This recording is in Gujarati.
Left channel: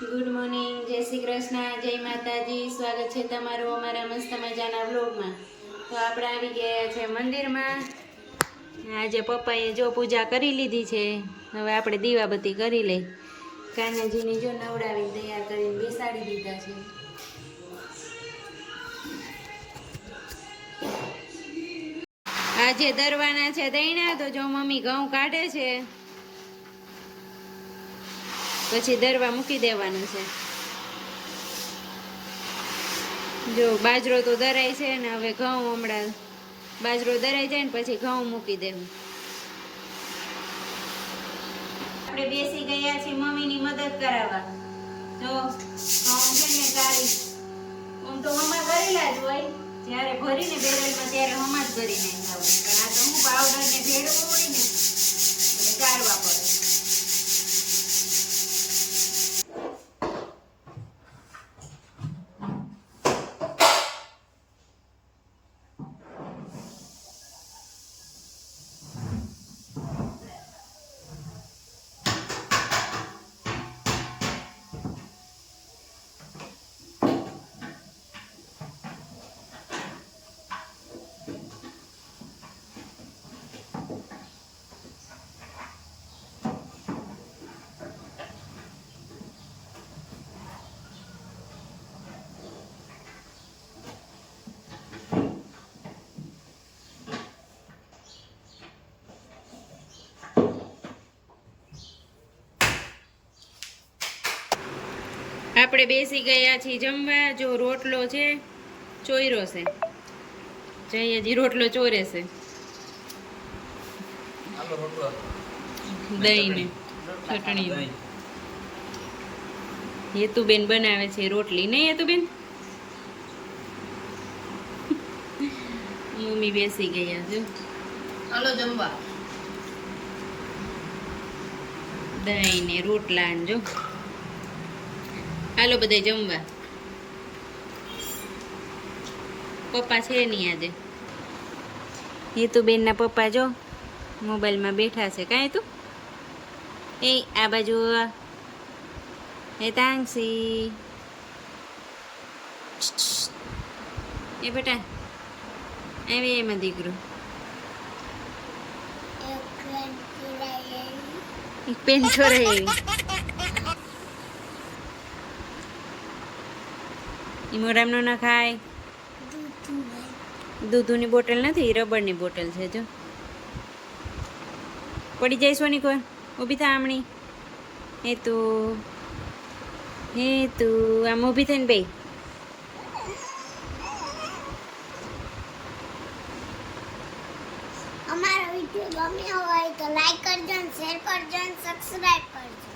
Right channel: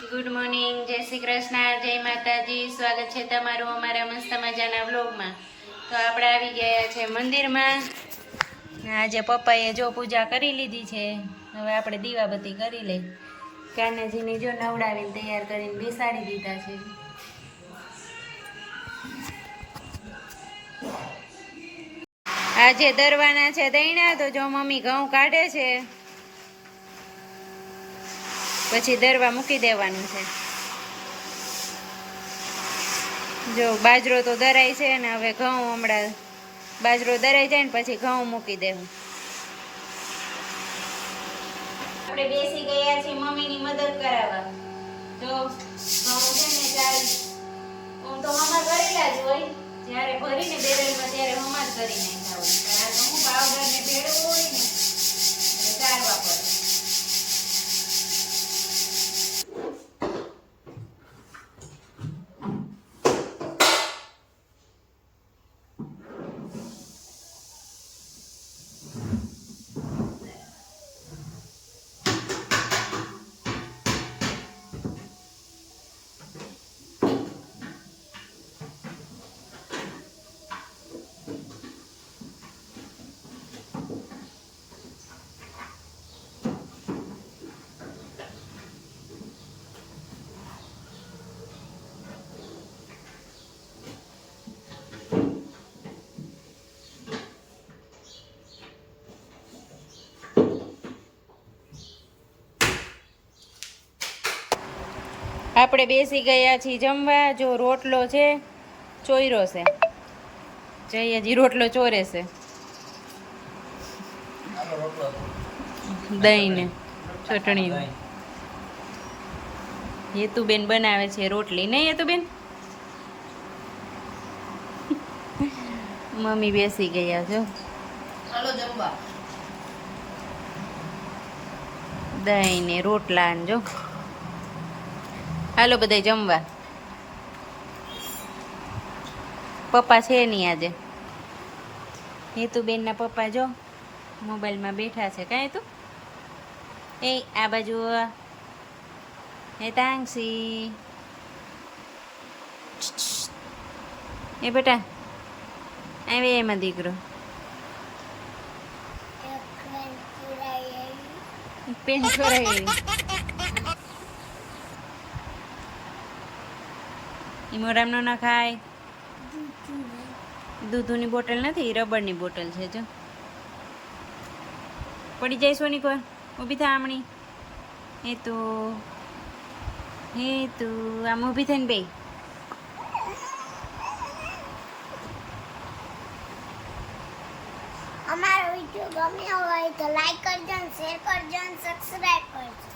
ગુડ મોર્નિંગ, જય શ્રી કૃષ્ણ, જય માતાજી. સ્વાગત છે તમારું અમારા મસ્ત મજાના વ્લોગમાં. તો આપણે આવી ગયા છે મંદિરમાં. આજે પપ્પાએ જો પૂજા કરી લીધી છે. હવે આપણે દીવાબત્તી કરી લઈ. કાનાજીને જો નવડાવીને તૈયાર કરીને બેસાડી દીધા છે. આજે દરવાના છે દૈણા, તો જો મમ્મી ઘઉં કાઢે છે, પછી દરવા મૂકી દેવાનું છે. જો બાજરો તો દરાય છે ને, હવે ઘઉં હમણાં બાજરો દરાઈ જાય ને પછી ઘઉં મૂકી દેવું. આપણે બેસી ગયા છીએ મમ્મીની મદદ કરાવવા. જો ઘઉં છે ને ચારી આમ તો હમા કરેલા જ હોય, જ્યારે ભરીને બેરલમાં ત્યારે હમા જ કરી નાખ્યા હોય, પણ આ તો હું પાવડર ને ભેળવો હોય ને એટલે ચારવા પડે. આપણે બેસી ગયા છીએ જમવા. જો રોટલો છે, ચોયરો છે, જઈ હજી રોટલો ચોરે છે. દહીં ને ચટણી. હેતુબેન બનાવે છે રોટલી, નહીં હેતુબેન? મમ્મી બેસી ગયા જો. હાલો જમવા. દહીં ને રોટલા ને જો. હાલો બધા જમવા. પપ્પા છે નહીં આજે. હેતુબેનના પપ્પા જો મોબાઈલમાં બેઠા છે. કાંઈ તું એ આ બાજુ એ તાંગસી એ બેટા આવે એમાં દીકરો. એક પેન છોરાય એવી. ઈ મોરામનો ના ખાય. દૂધની બોટલ નથી, રબરની બોટલ છે જો. પડી જાય સોની કોર. ઊભી થા આમણી. હે તું આમ ઊભી થઈને બે. અમારો વિડીયો ગમ્યો હોય તો લાઈક કરજો, શેર કરજો, સબસ્ક્રાઇબ કરજો.